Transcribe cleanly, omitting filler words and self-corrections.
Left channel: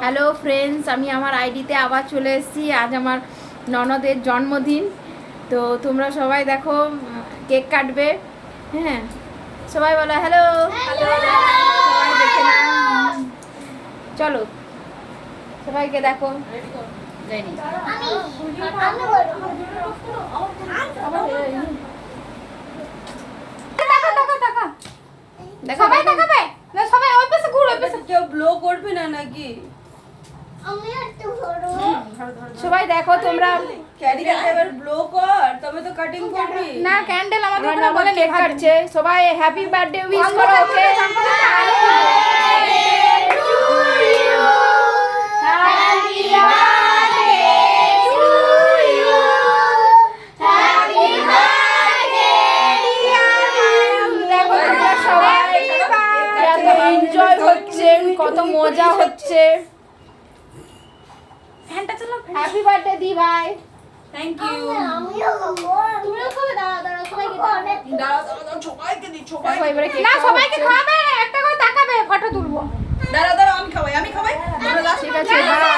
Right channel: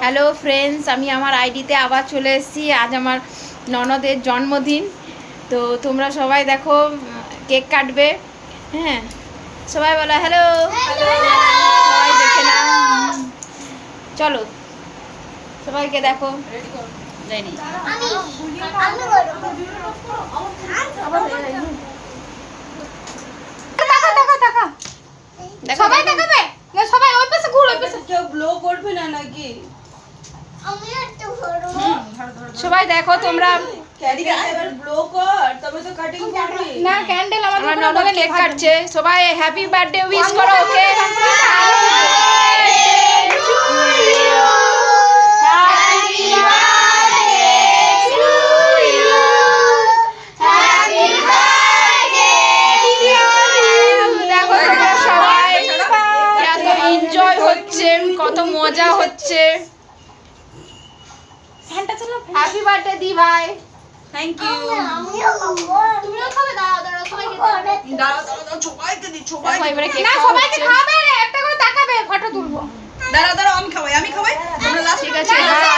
Hello friends, আমি আমার আইডিতে আবার চলে এসেছি। আজ আমার ননদের জন্মদিন, তো তোমরা সবাই দেখো কেক কাটবে। হ্যাঁ, সবাই বলো হ্যালো। সবাই দেখে না, চলো সবাইকে দেখো। যাইনি সবাই দেখাবে না, সবাই ওই পাশে ঘুর, ওই পাশে। কেউ ব্লো করবে না নাকি? সবাই দেখো তোমরা। ক্যারিকে এবার ব্লো কর, তবে তো কাটিং করবি। না, ক্যান্ডেল আমার আমাদের ননদ কেক কাটছে, সবাই হ্যাপি বার্থডে উইশ করো ওকে। এনজয় হচ্ছে, কত মজা হচ্ছে। ফ্যানটা চালাও। হ্যাপি বার্থডে দি ভাই। Thank you. তুমিও খাবে? দাঁড়াও দাঁড়াও, সবাইকে দাঁড়াও সবাইকে দি, দেখো এবারে কেক না, খাওয়া সবাইকে হচ্ছে। খাবে, একটা করে তাকাবে, ফটো তুলবো। দাঁড়াও আমি খাওয়াই। তোমরা লাস্ট ঠিক আছে, বাই।